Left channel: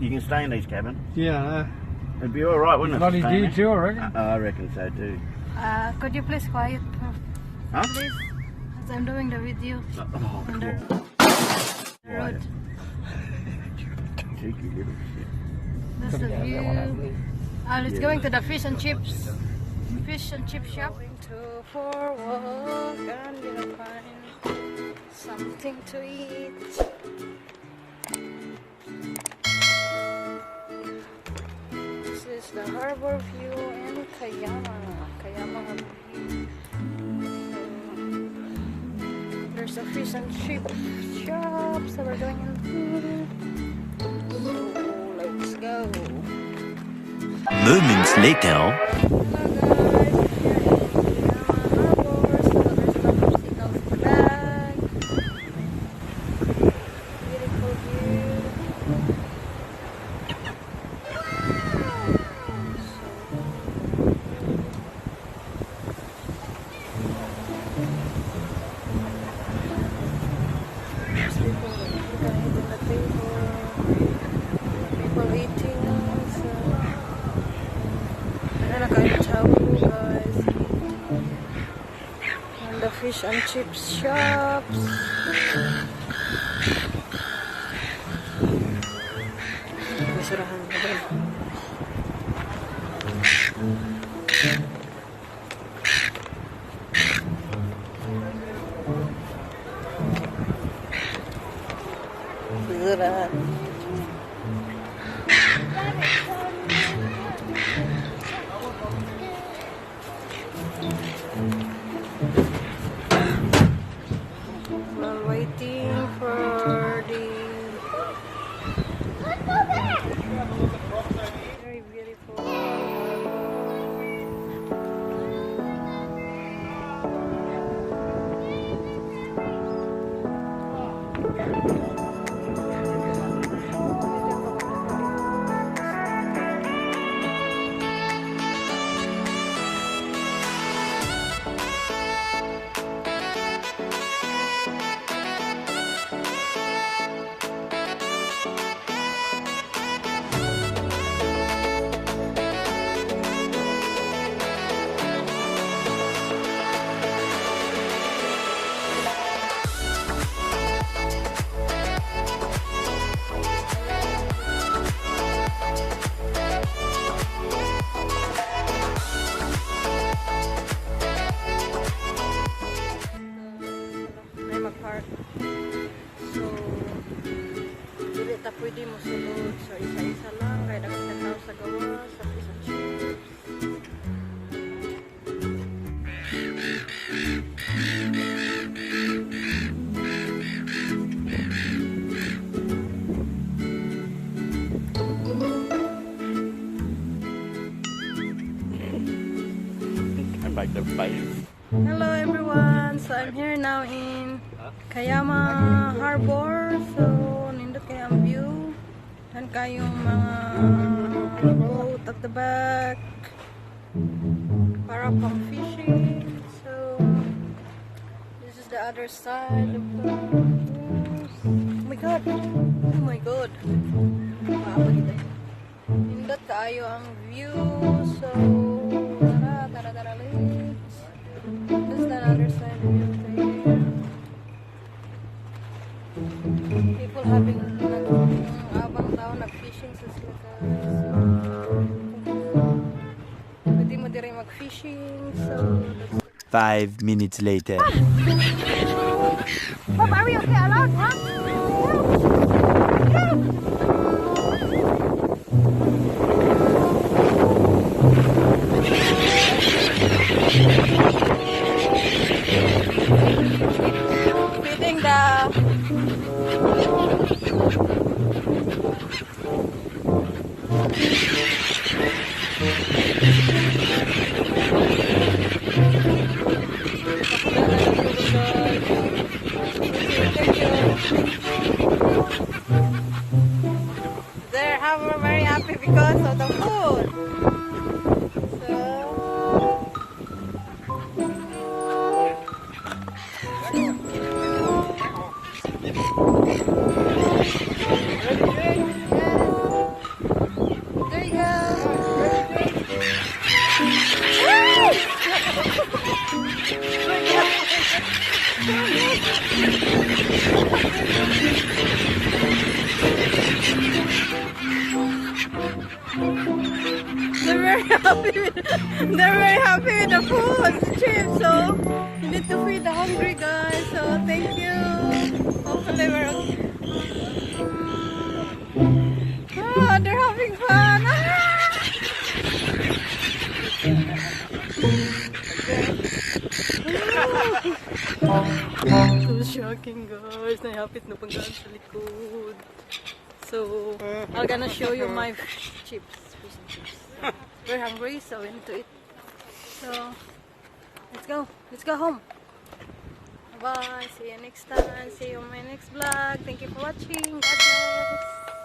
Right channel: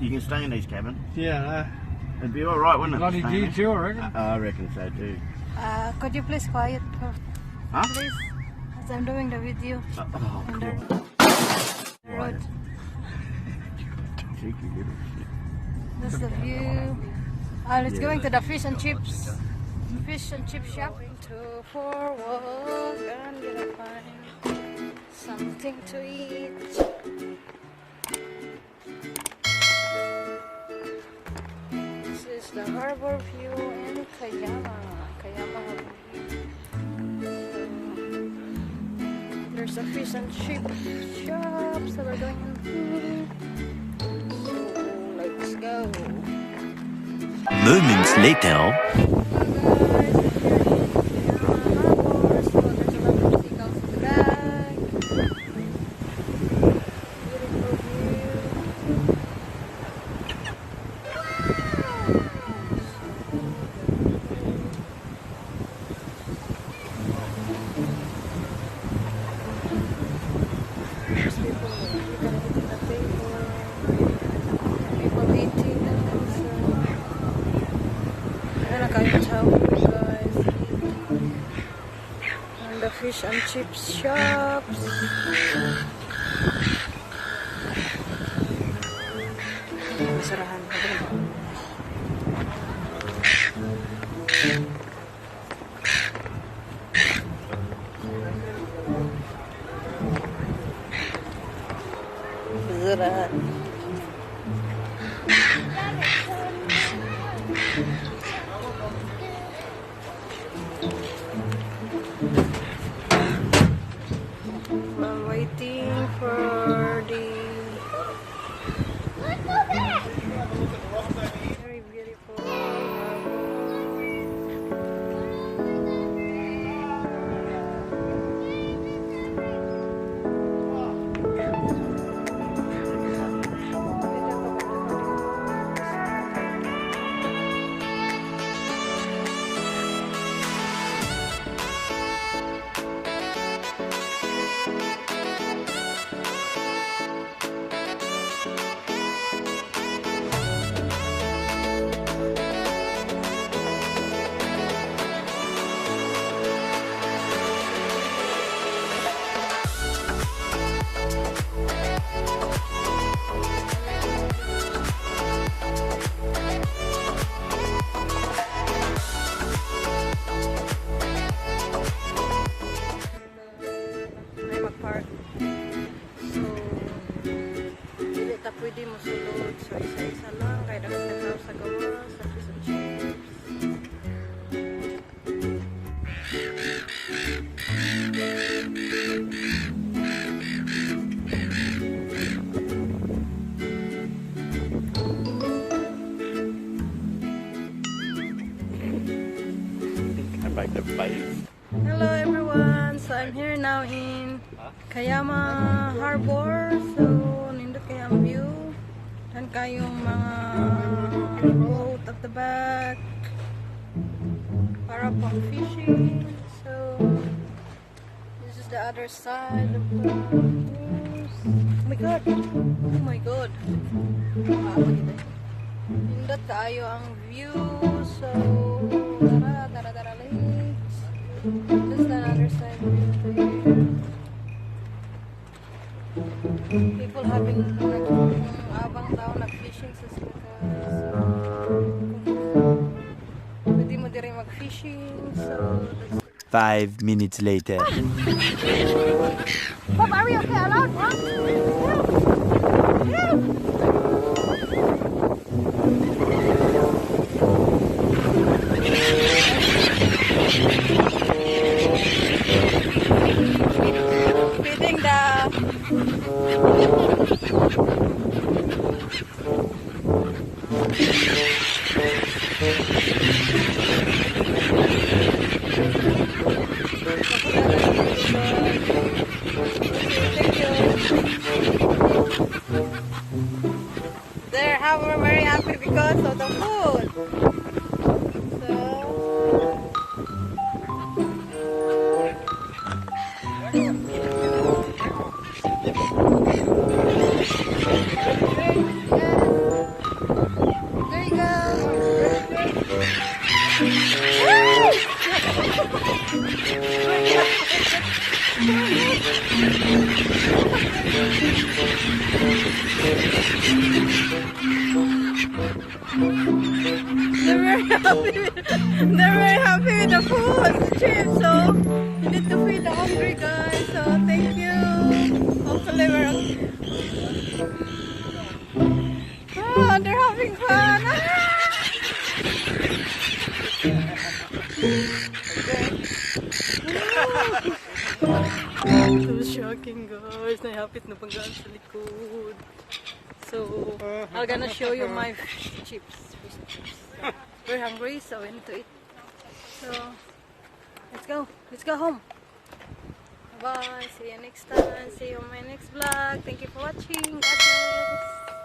You can stay in these cabins. Yeah. It'd be all right, wouldn't it? Bloody staying do too, I reckon. I reckon so too. Could you please quiet, Huh? please? As I'm doing the video Oh, on the road. cheeky little shit. That's the view. Let's going to the fish and chips. Fish and chip shop. Going to for a walk and gonna find something to eat. This is the harbor view in Kiama. Kiama harbor view. There's a fish and chip shop, so we're going in. So let's go. Moments later. Hello guys, we're here in Kiama harbor. So there's a lot of seagulls in the back. Beautiful view. There's people, you can eat in the table. People eating, so and nakain chow guys. And the fish and chips shops. Basurahan na din. Basurahan. I'm waiting for the very beautiful harbor. Park. So, dili ta pwede mo sulod. So, isa-isa lang. Kaya dapat ka tao sa gawa, sa fish and chips. Can make the face. Hello everyone! So, I'm here now in Kiama Harbor. So, nindot kayo ang view. Dan kayong mga boat at the back. Para pang fishing. So, this is the other side of the views. Oh my god! Oh my god! Nindot kayo ang view. So, tara, let's. This is the other side view there. People having abang tao nag-fishing sa sila pwede mo din mag-fishing. So, 5 minutes later. Bob, are we okay allowed? Huh? Yeah. Feeding the There, how we're very happy because of the food. So They're very happy with the food, chips. So you need to feed the hungry guys. So thank you. Hopefully, they're having fun. So shocking, guys. Nahapit na panggaan sa likod. So I'm gonna show you my chips. Fish and chips. We're hungry, so we need to eat. So let's go. Let's go home. Bye. See you next time. See you on my next vlog. Thank you for watching. God bless.